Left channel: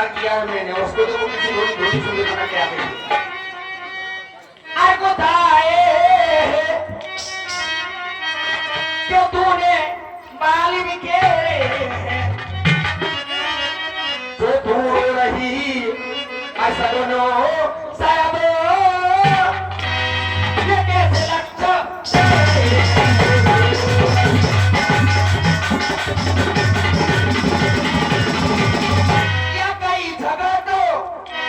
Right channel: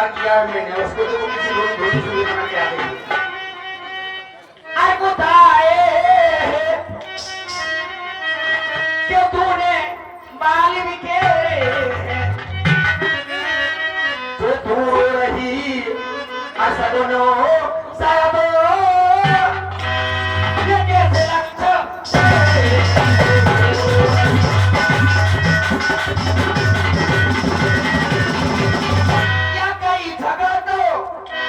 प्यार किया है मैंने, उसको तो किसी रोटी रोटी सुनी बना के आ गई। अरे बताए कि तूने बाल बिखेरे तो दूर रही असदनो सादो ये कैसे लगता क्या कोई जगह तो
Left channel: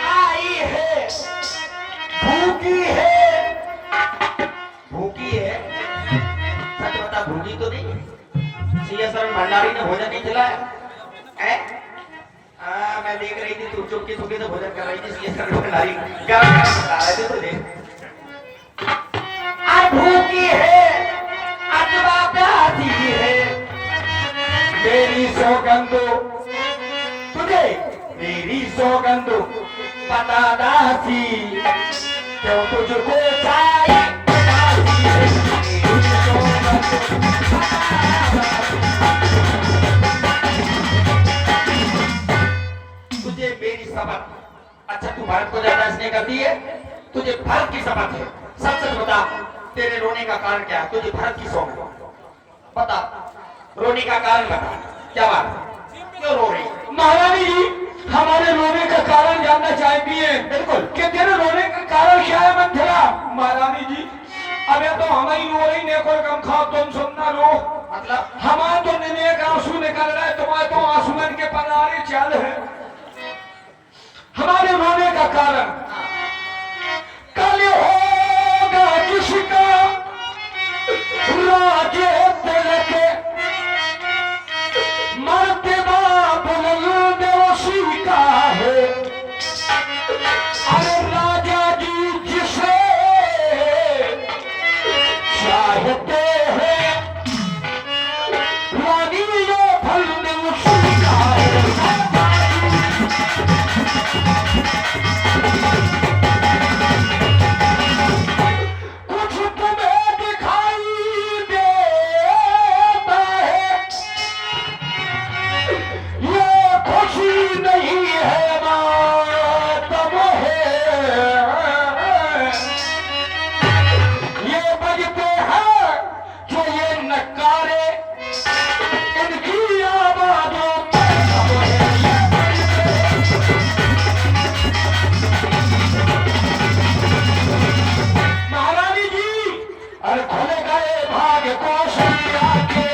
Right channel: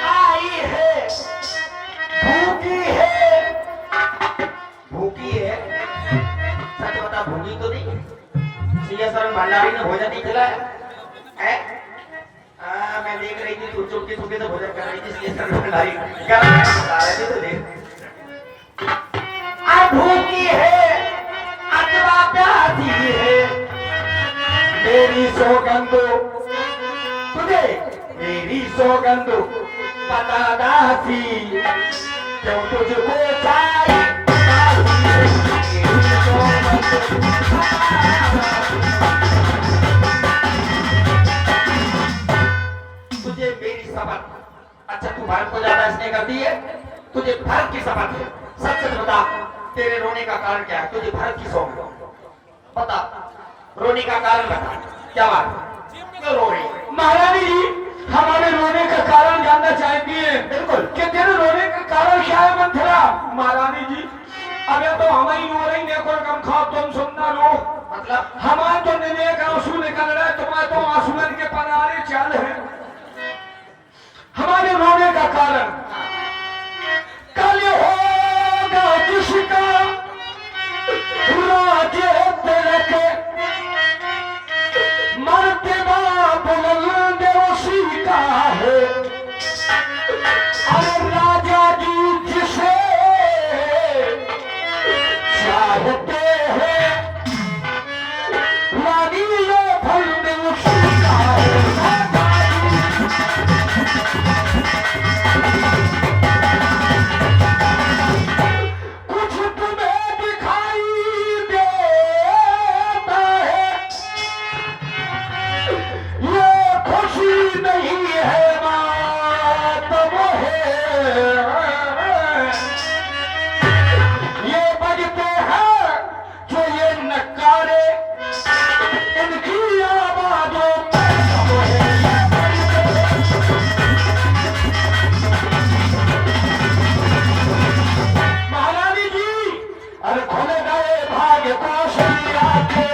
आई है, भूखी है, भूखी है, सच बता भूखी तो नहीं? सीएस शरण भंडारी ने भोजन नहीं खिलाया है? मैं देख रही थी तू चुपके चुपके से भोजन कर रही थी, सीएस शरण भंडारी क्या बता रहे थे तुझे? भूखी है अथवा प्यासी है, मेरी सौगंध तुझे, मेरी सौगंध पता दासी क्यों तुझको चाहिए तुझे मेरी समझ। अच्छा तू भारत को ज्यादा इसलिए करती है, तुझे भारत की समझ है। सच सच बता तेरे रोने का कारण क्या है? तुझे भारत की समझ बता, रोने का कारण बता, क्या बात क्यों रो रही? महारानी जी हमारे रोने का कारण जानना चाहती है। बिल्कुल। कि तेरे रोने का कारण क्या है मंथरा? महारानी जी अबे तो हम ही रो रही ने कोई कम खाओ तुम सुनना रो। मतलब हमारे तो नेक आंसू निकल रहा है, तुम्हारे तो आंसुओं के पनारे चाल है। हमारे रोने का कारण कल होगा जिसका राज्य तिलक मर्तबा बुलंद उसी का है। अरे राजा जी जिसे चाहते हैं रानी ये फल उसी का है। कुछ तुम्हें दिखाई देता है ये खुशी नहीं है मातम है। ये बजते हैं जो ये नकारे इनकी आवाजों में दम है। महारानी जी अरे खुले गए भाग्य कौशल्या के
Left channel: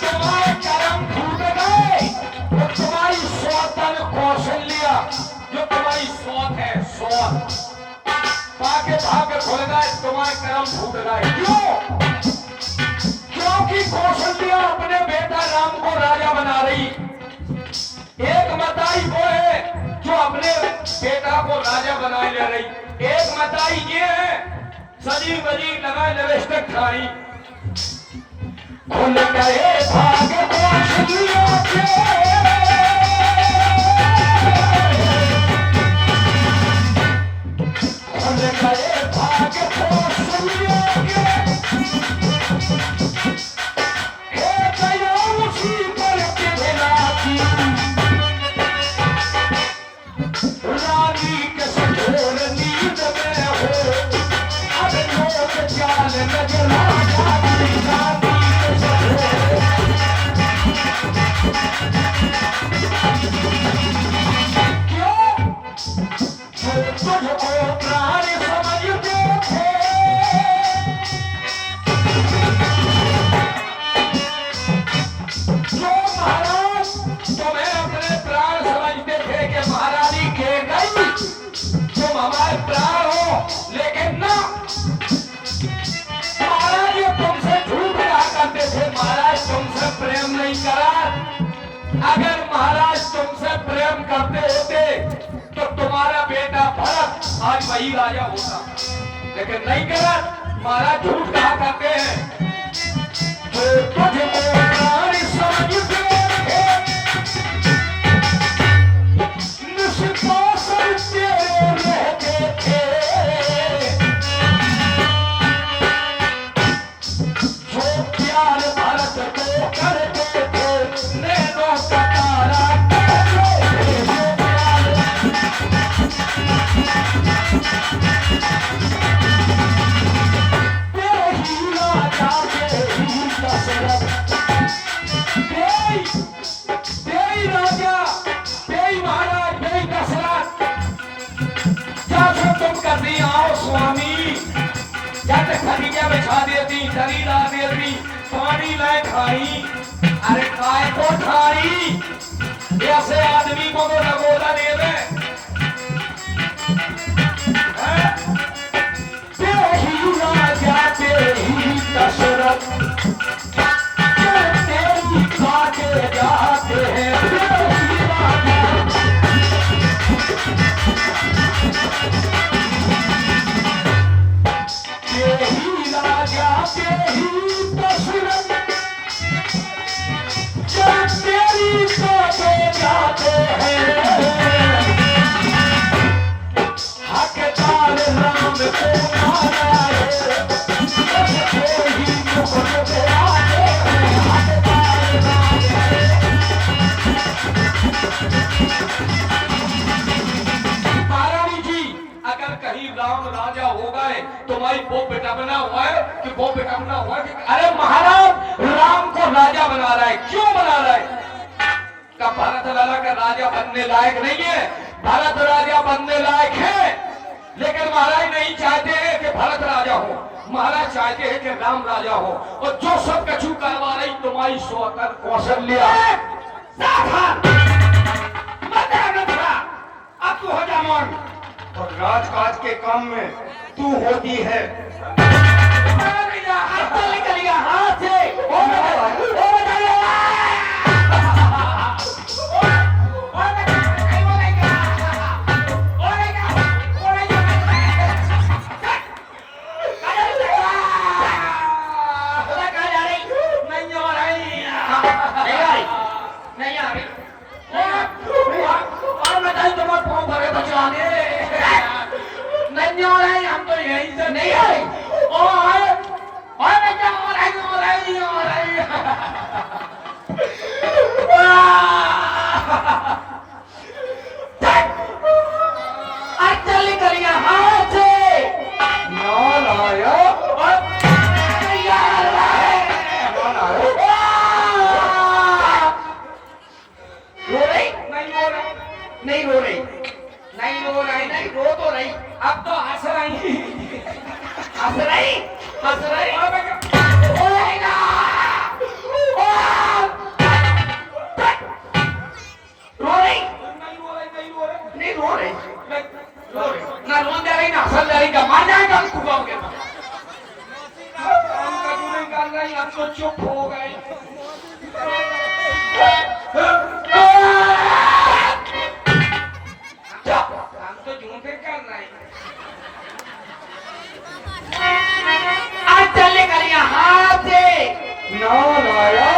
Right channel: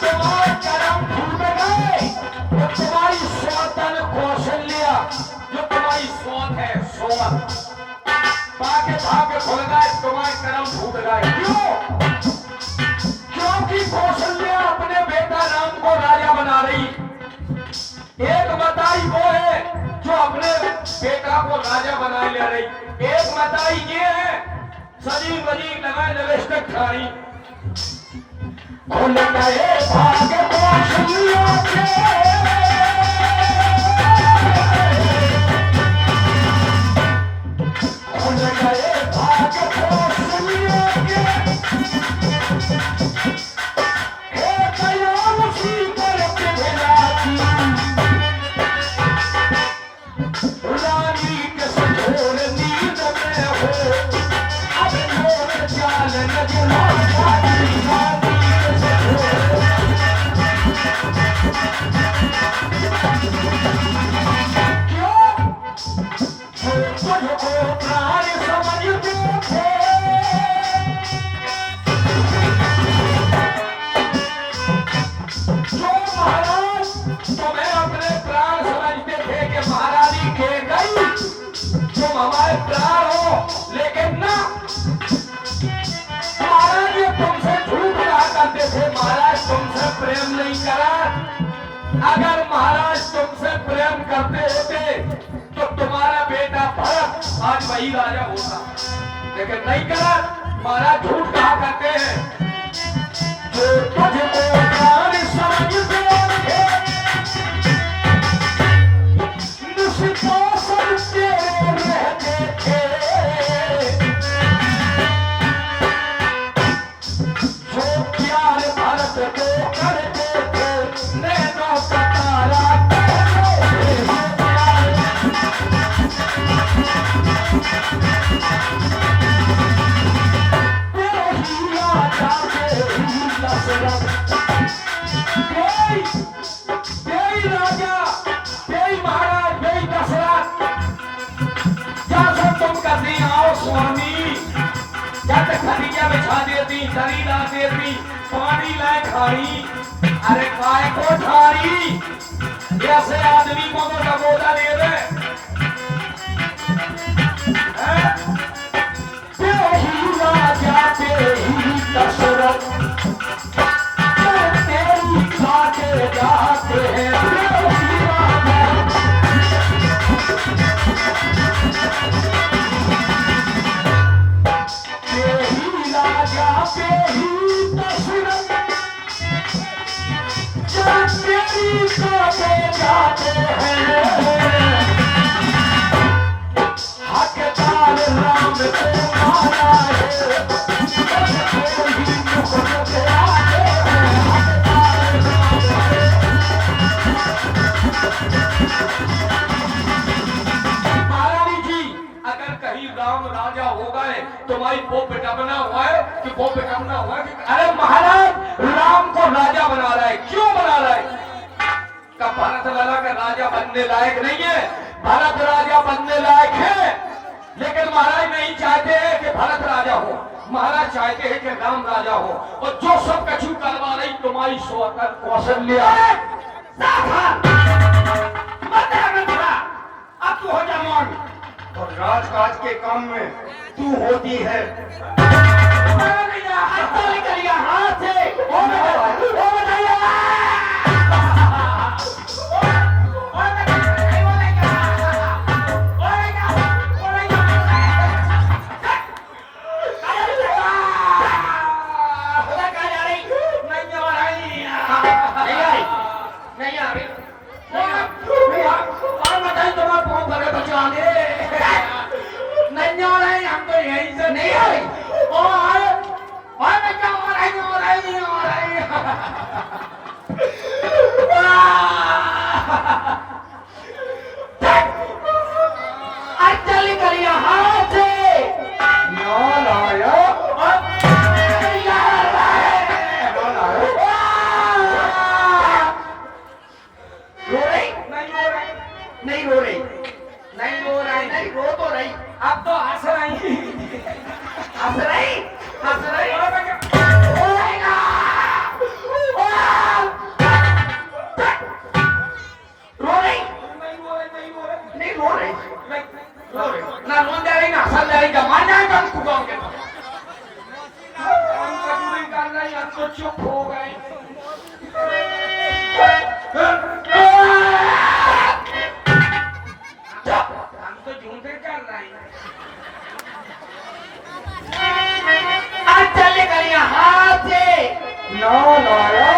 तुम्हारे कदम फूट गए तो तुम्हारी स्वतन कौशल्या जो तुम्हारी सोच है सोच भाग्य भाग्य खुल गए, तुम्हारे कदम फूट गए। क्यों? क्योंकि कौशल्या अपने बेटा राम को राजा बना रही। एक मताई वो है जो अपने बेटा को राजा बना ले रही, एक मताई ये है सजी बजी नगर नवेष्टक खाई। खुल गए भाग्य कौशल्या के खुल गए भाग्य कौशल्या के हे दया उसी पर पिघलाती रानी के सफोर नींद में हो। अब लोग चाल नजला रानी के सफोर क्यों? तुझको प्राण समझते थे जो महाराज तुम्हें अपने प्राण समझते थे कि महारानी के गई तुम हमारे प्राण हो, लेकिन ना महाराज ये तुमसे झूठ कहा करते थे। महाराज तुमसे प्रेम नहीं करा। अगर महाराज तुमसे प्रेम करते होते तो तुम्हारा बेटा भरत आज वही राजा होता, लेकिन नहीं करा। महाराज झूठ कहा करते हैं। जो तुझको प्राण समझते थे निष्पासन तेरे रहते थे। जो प्यार भरत को करते थे राजा बेई महाराज बेई दशरथ क्या सब तुम कर दी आओ स्वामी क्या खटिया बिछा देती दरी ला देती पानी लाए खानी अरे काय को खानी ऐसे आदमी को तो लगोला दे दे तेही राजा तेही दशरथ तेरी काटे जाते हैं तेही राजा तेही दशरथ जब तेरी काटे जाते हैं हकदार राम को मारा है तेही मुकुट पे आते हैं हकदार महारानी जी अगर कहीं राम राजा हो गए तुम्हारी वो बेटा बना हुआ है कि वो बेटा बना हुआ है कि अरे महाराज राम को राजा बना रहा है क्यों बना रहा है का भारत लाला का राजा बनने लायक नहीं है भारत राजा बनने लायक है लेकिन महाराज नहीं चाहते हैं कि भारत राजा हो महाराज चाहते हैं कि राम राजा हो और जो सब कछु करवा रही तुम्हारी सोकर कौशल्या अब तू हो जा मौन और राजकाज के काम में तू होती है हाथ से अब तो हंस रही ना रोन दे रही ना हंस दे रही का मार जाएगा हमको गाँव के हम कभी नहीं कर रही हम तो चुप हो गए हम तो झूठे कर रहे हैं आज चलने कर यहाँ से ना लाया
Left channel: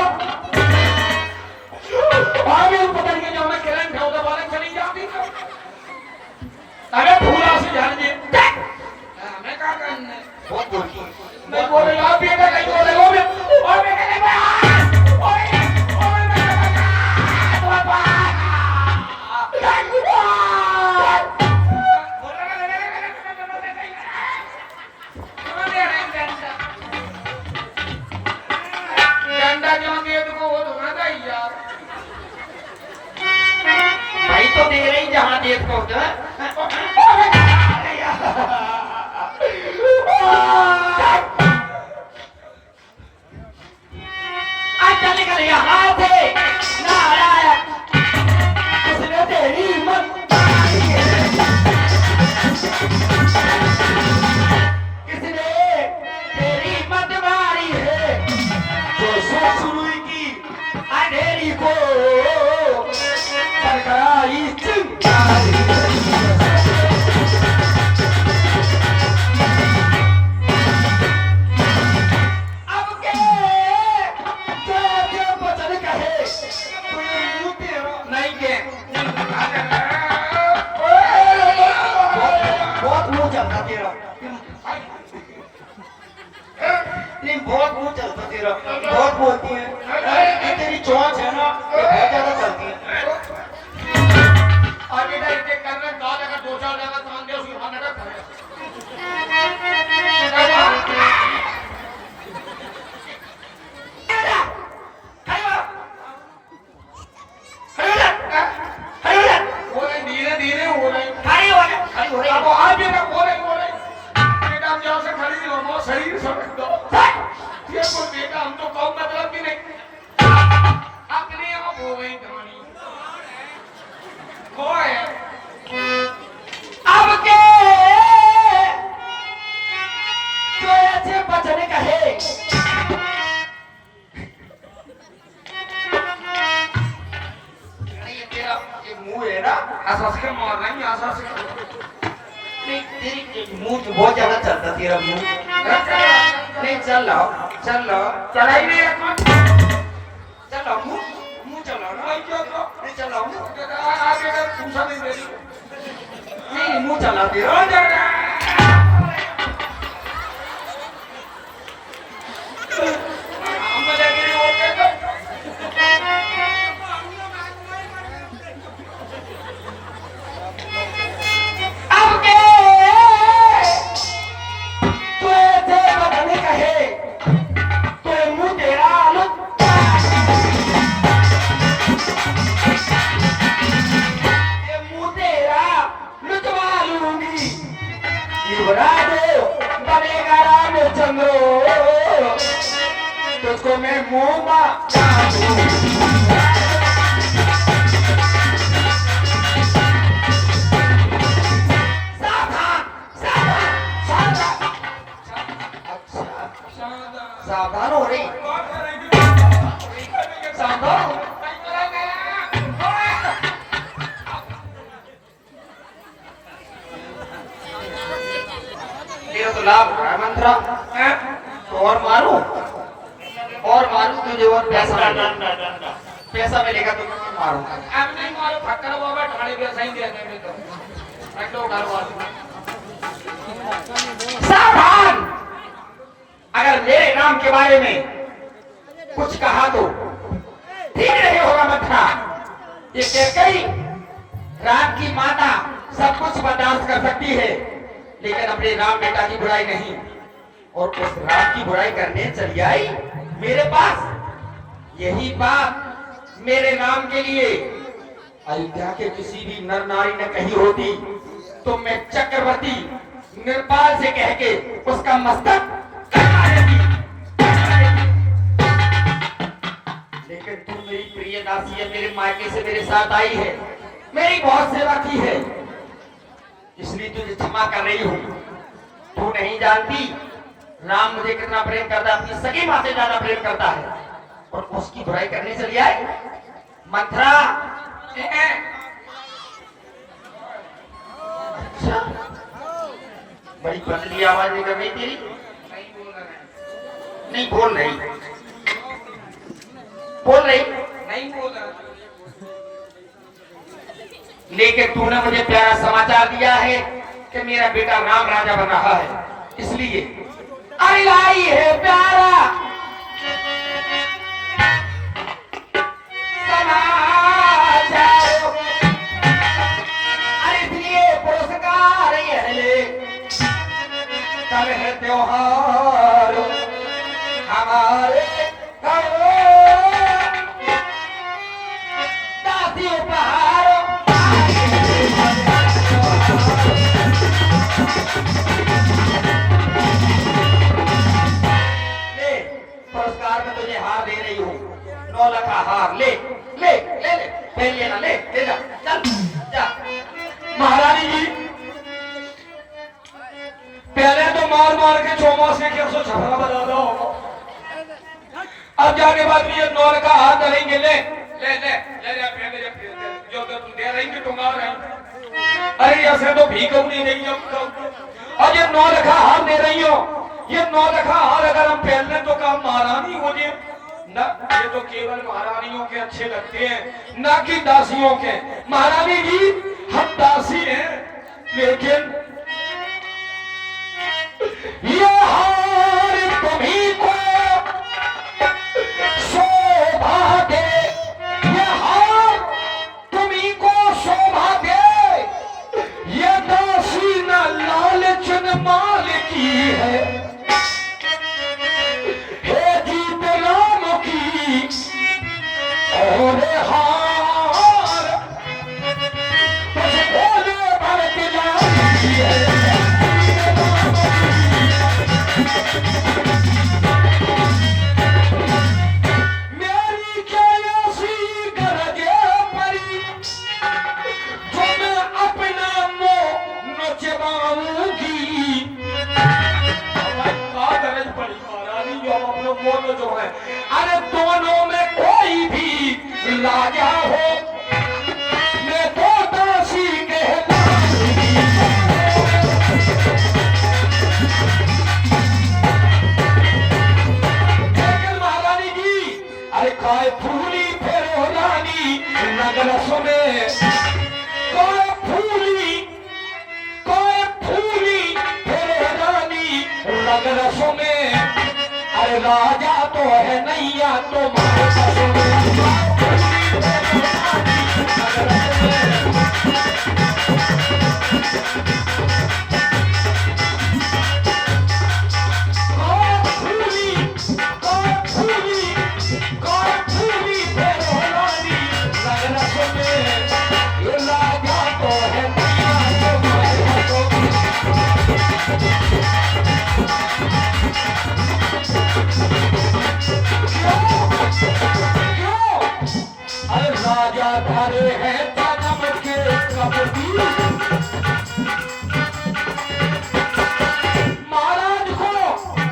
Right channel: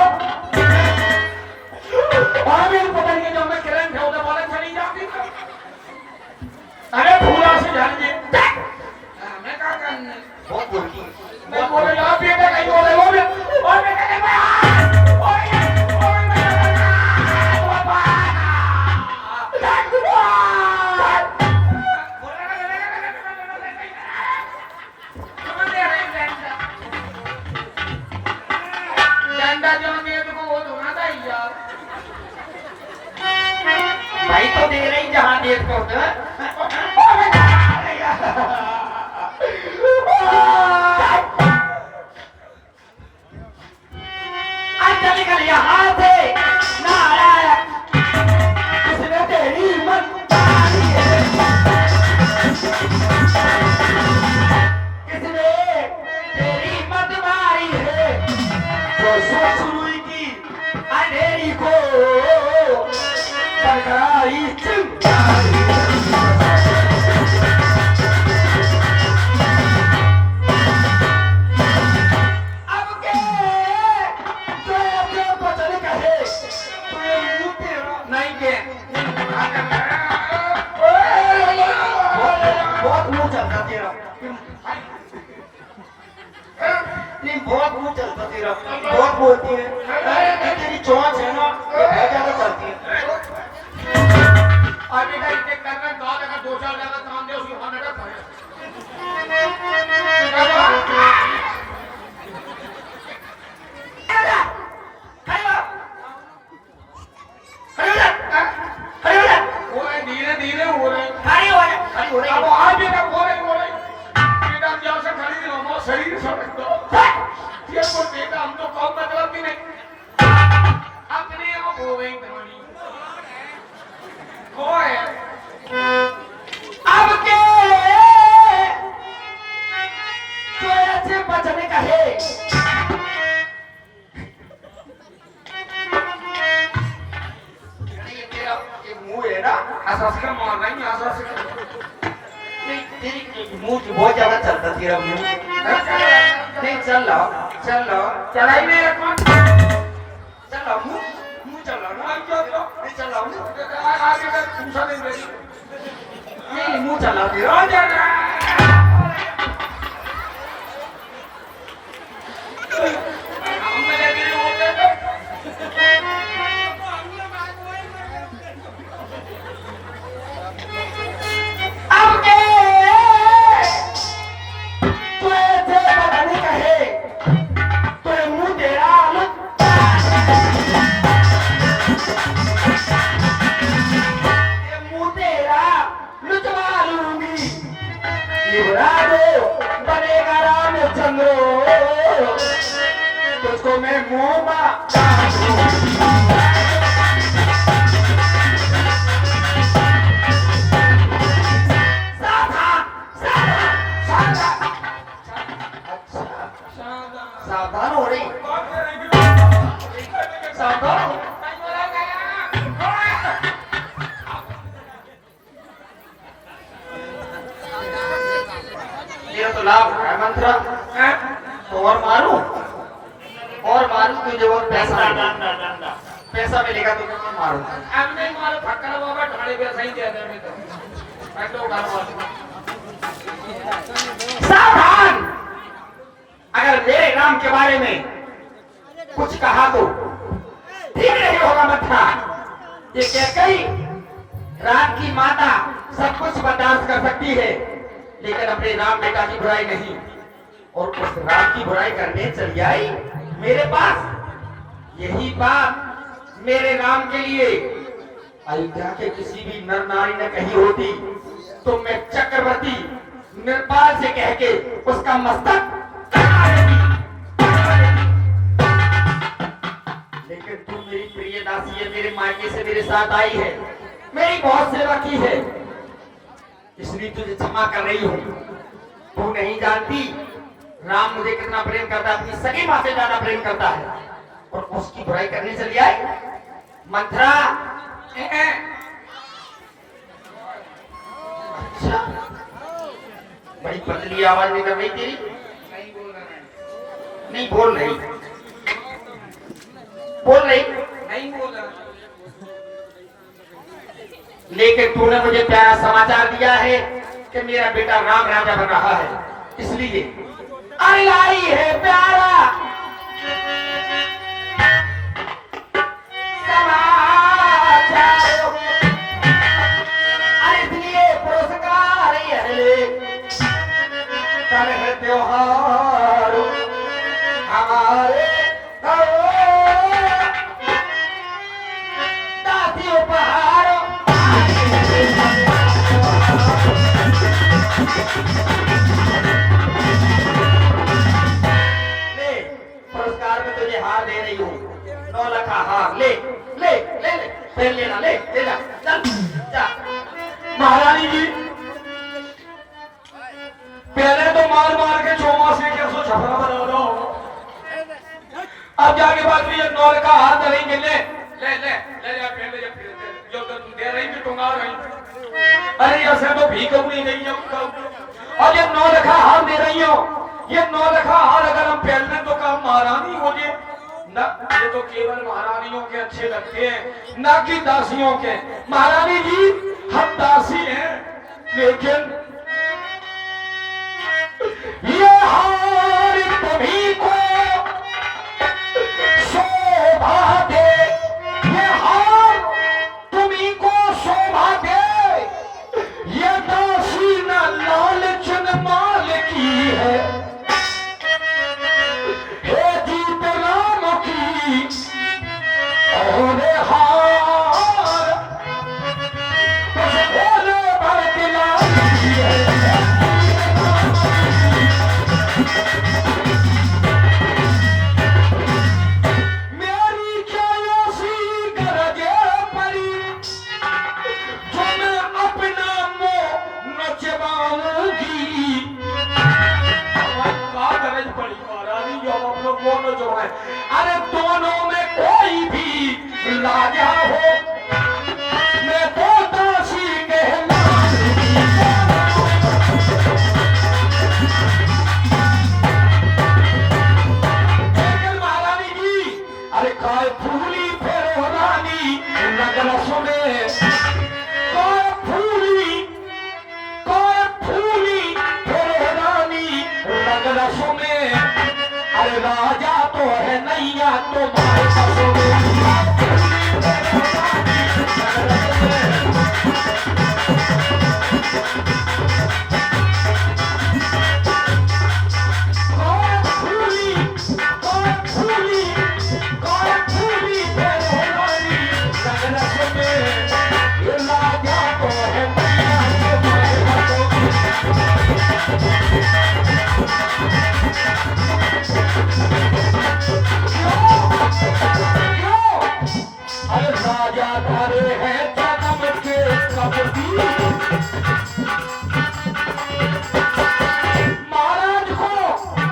अरे पता नहीं जब मैं करंट है उधर वाला चली जाती तो अरे फूला से झाड़ दे हमें क्या करना बहुत बोल मैं बोले आप ये क्या नहीं बोले वो भी और मैं क्या नहीं भाई तो दे रही जहाँ देख को आज चल निकल यहाँ से ना आया किसने तेरी हिम्मत किसने तेरी हिम्मत मारी है जो सोच शुरू की अंधेरी को सरकारी चिंगारी अब के जो बचन कहे नहीं के बहुत मुंह चलता तेरा नहीं बहुत मुंह चलता तेरा बहुत बोलती है तेरी चोंच है ना बहुत ज्यादा चलती है और इधर इनके करने दो जगह दो चार जगह काम दे उसकी वहां नटक पड़े ये कोई बेटा हम तो कौन मतलब कि नहीं अपने आप हो गई कहानी कोई अब के तो ऐसे बचने का है ये तेरा ये मुंह है ना आसास का मार रहा है आसास नहीं तेरी मुंह तो बहुत ज्यादा चलता तेरा मुंह नहीं चल लो चलाई नहीं कौन चल लो मुंह चल लो नहीं क्या तो नहीं चल लो आगे का पूछा नहीं दे नहीं मुंह चला तेरा हो जाएगा हम मजा के होते तो अब के तो ऐसे बचने का है तो मुंह तेरा लुत्ता ये मुंह तेरा लुटवा लूंगी युवराज बनेगा रामचंद्र तुझको मैं मुंह में सावधान सावधान सावधान अच्छा सावधान हो रही सावधान हो मेरा तो लाभ हो रहा है मंत्रा तो और मारूं तुझे और पैसा मिलेगा तो मैं मारूंगा अब नहीं मारो फक्कर बाबा ढाड़े पे सही दे दे नहीं तो फटो उठा मारो सावधान अगर मेरे नाम के बारे में कुछ कहा तो ठीक नहीं होगा मंत्रा ये कैकई राम की माता सब कुछ बर्दाश्त कर सकती है लेकिन अपने राम बेटा की बुराई नहीं और उस राम की बुराई करने चली आई मेरे पास यही बात मेरे राम के लिए अयोध्या के किसी भी नर नारी ने कही होती तो मैं चक्रवर्ती निर्पाल से कह के उसका मस्तक कटवा देती। लेकिन तू मेरी प्रिय दासी है मेरे मायके से मेरे साथ आई है मेरी बहुत सेवा की है इसलिए तुझे क्षमा कर रही हूँ तू नहीं जानती राम मुझे कितना प्रेम करता है अपनी सगी माँ से ज्यादा प्रेम करता है और उसकी बुराई करने चली आई मंथरा अच्छा बड़ी पतली आवाज निकल रही तेरी नहीं बोल रही नहीं बोल रहा लेकिन तूने मुझे प्यारा समाचार दिया है कि मेरा बेटा राम राजा बन रहा है इसलिए लाई है प्यारा समाचार अरे इसलिए पुरस्कार कल है त्योहार हमारे दासी उपहार ले पुरस्कार में तुझे हार दे रही हूँ 9 लाख का हार ले ले ले ले पहन लेना ले ले जा चल जा महारानी जी पहले तो मार मार के चौमास के 100 छपरा बना दो अब जाके बाद में ये 9 का हाथ धरेंगे ले ले ले ले जा पहले जो तुम दे रही थी टुंगा रही अरे ऐसे तो भीख नहीं गई और ये 9 का हाथ दे रही हो ये 9 का हार अगर हम पहनने तो काम महारानी हो जाए ना ये तो केवल महारानियों के अच्छे लगते हैं ना कि दासियों के महारानी जी हम दासी हैं लेकिन ये हार तुम्ही को शोभा दे ये हार तुम्ही को शोभा दे ये दासी न लालचन माल की है हे जीत राम की और हार तुझ भोले भरत लाल की है दोनों जो है, अरे दोनों में कोई भी राजा हो, मैं तो दासी कहलाऊंगी। लेकिन महारानी जी, अरे काय फूली फेरो रानी नगर सुने, काय फूली फेरो रानी नगर सुने, अरे राजा तो है नैया तुम्हारे बसों में। अरे राजा धरे हैं जन्म के कबूतर, महाराज को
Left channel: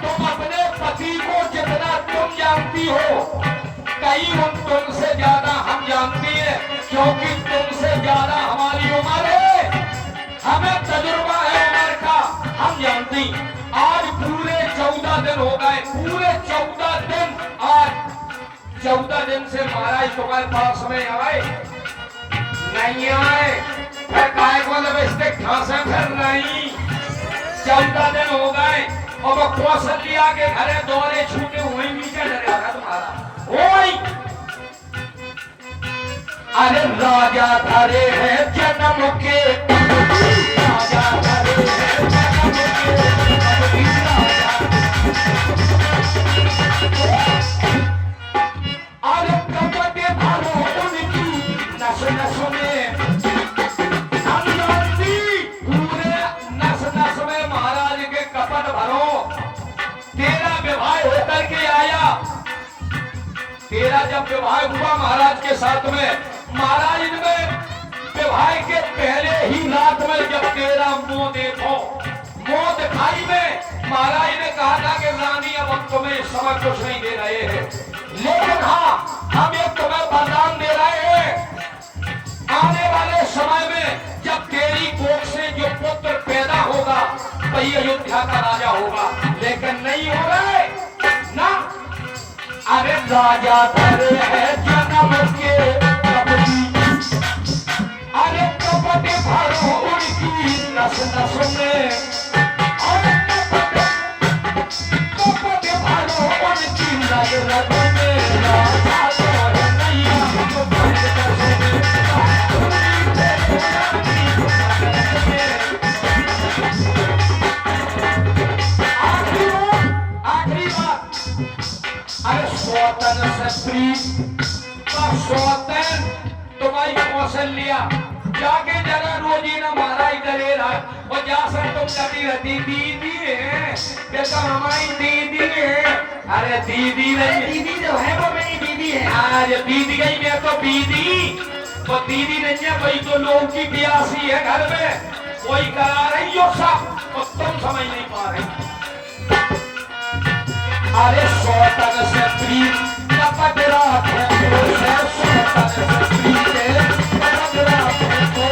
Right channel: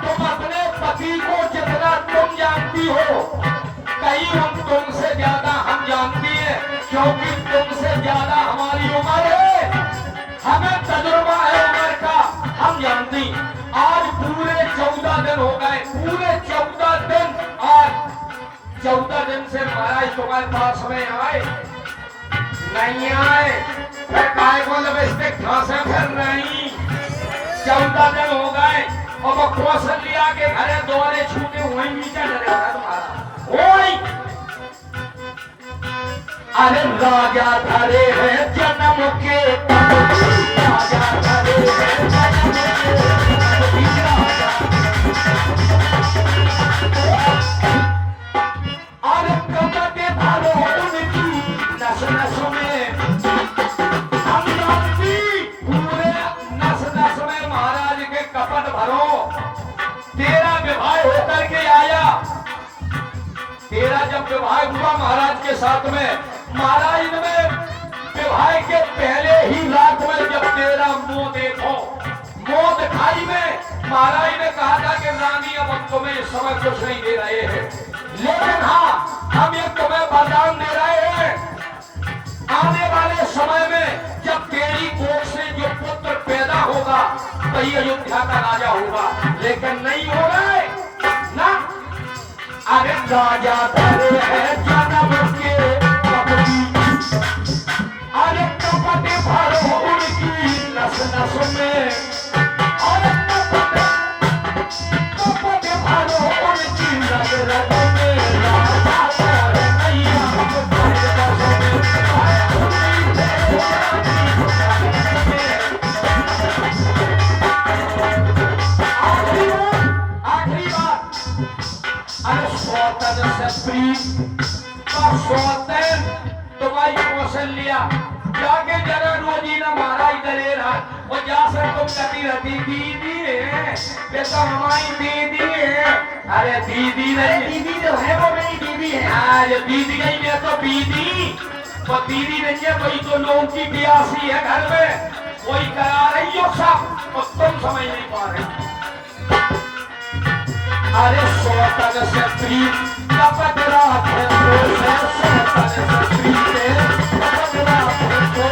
तुम अपने पति को जितना तुम जानती हो, कहीं तुमसे ज्यादा हम जानती है, क्योंकि तुमसे ज्यादा हमारी उम्र है, हमें तजुर्बा है उम्र का, हम जानती। आज पूरे 14 दिन हो गए, पूरे 14 दिन, आज 14 दिन से महाराज तुम्हारे पास में आए नहीं आए, फिर काय को लबेस्ते खांसे फिर नहीं। 14 दिन हो गए और वो कौशल्या के घरे दौरे छूटे वही नीचे डरे होगा तुम्हारा वही। अरे राजा धरे हैं जन्म के राजा धरे हैं जन्म के अरे कपट भरो उनकी नस नस में, हम जानती पूरे नस नस में महाराज के कपट भरो। तेरा विवाह होकर के आया, तेरा जब विवाह हुआ महाराज के साथ में, महाराज ने विवाह के पहले ही रात में जब तेरा मुंह देखो, मुंह दिखाई में महाराज ने कहा था कि रानी अब हम तुम्हें इस समय कुछ नहीं दे रहे हैं, लेकिन हाँ हम ये तुम्हें वरदान दे रहे हैं, आने वाले समय में जब तेरी कोख से जो पुत्र पैदा होगा वही अयोध्या का राजा होगा। लेकिन नहीं हो रहा है ना। अरे राजा धरे हैं जन्म के कबूतर, अरे कपट भरो उनकी नस नस में, अरे कपट भरो उनकी रग रग में, राजा तो है नैया तुम्हारे बसों में। आखिरी बात, अरे सौतन से प्रीत का सौतन तुम्हारी कौशल्या जाके जरा रोजी न महाराज करे रहा और जा सर तुम कहती रहती दीदी है, बेटा हमारी दीदी है। अरे दीदी नहीं, दीदी जो है वो मेरी दीदी है। आज दीदी गई मैं तो दीदी, वो दीदी नहीं है, कोई तो लोग की बियासी है घर में, कोई करा रही हो सब और तुम समझ नहीं पा रही। अरे सौतन से प्रीत कपट राखे सौतन से प्रीत कपट राखे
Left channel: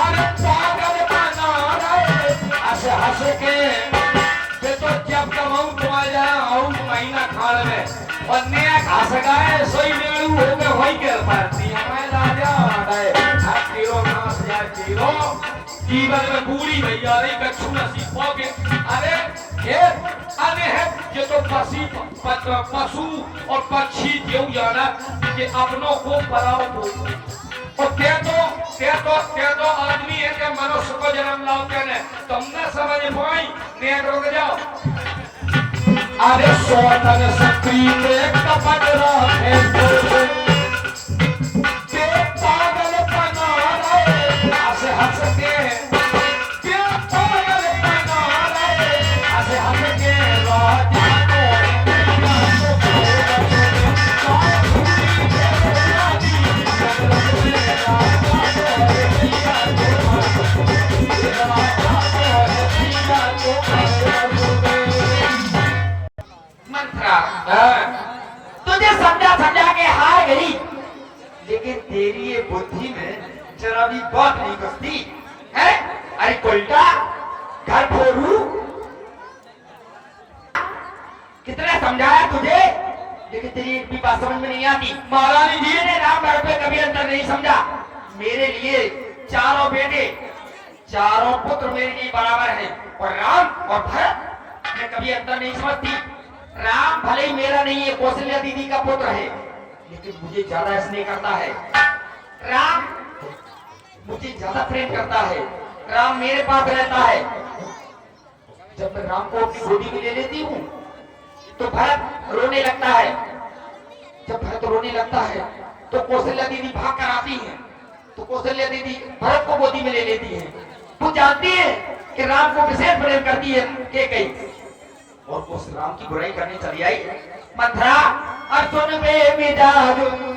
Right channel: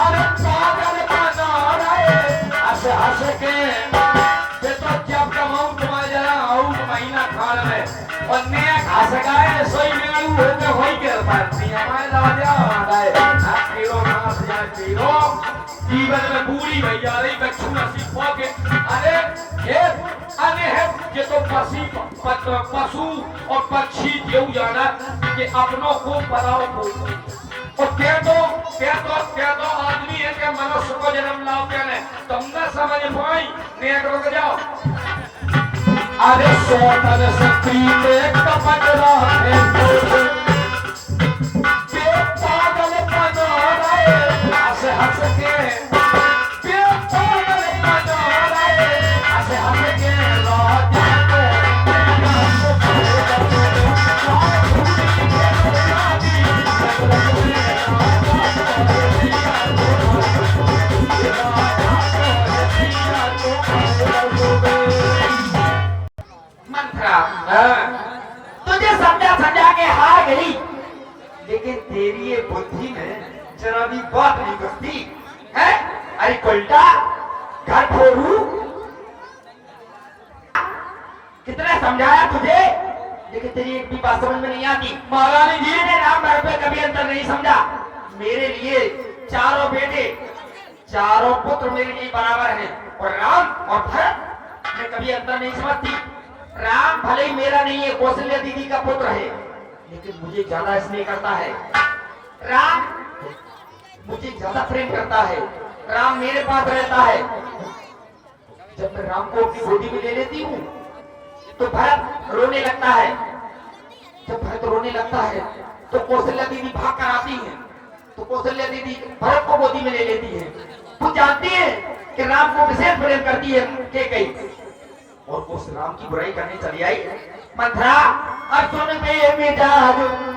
अरे पागल बना रहे हंस हंस के, ये तो जब कमाऊं तुम्हारे जरा आऊं महीना खान में और नया घास गाए सोई लेड़ू होके वही कर पाती हमारे राजा राजाए खीरो घास जाए खीरो जीवन में बूढ़ी भैया रही कच्छू नसी के। अरे अने है ये तो पशु और पक्षी देव जाना कि अपनों को पराओ को और क्या तो आदमी है कि मनुष्य को जन्म लाते ने तुम न समझ पाई नेक रुक जाओ। अरे सौतन से प्रीत कपट राखे पागल बना रहे हंस हंस के, पागल बना रहे हंस हंस के, राजा को कितना समझाया तुझे, लेकिन तेरी एक भी बात समझ में नहीं आती। महारानी जी मैंने राम भरत में कभी अंतर नहीं समझा। मेरे लिए चारों बेटे, चारों पुत्र मेरे लिए बराबर हैं, और राम और भरत मैं कभी अंतर नहीं समझती। राम भले ही मेरा नहीं है, कौशल्या दीदी का पुत्र है, लेकिन मुझे ज्यादा स्नेह करता है। राम मुझे ज्यादा प्रेम करता है। राम मेरे पास रहता है। जब मैं राम को अपनी गोदी में ले लेती हूँ तो भरत रोने लगता है। जब भरत रोने लगता है तो कौशल्या दीदी भाग कर आती है, तो कौशल्या दीदी भरत को गोदी में ले लेती है। वो जानती है कि राम को विशेष प्रेम करती है के कई, और उस राम की बुराई करने चली आई। मंथरा अब सुन में मिटा दूं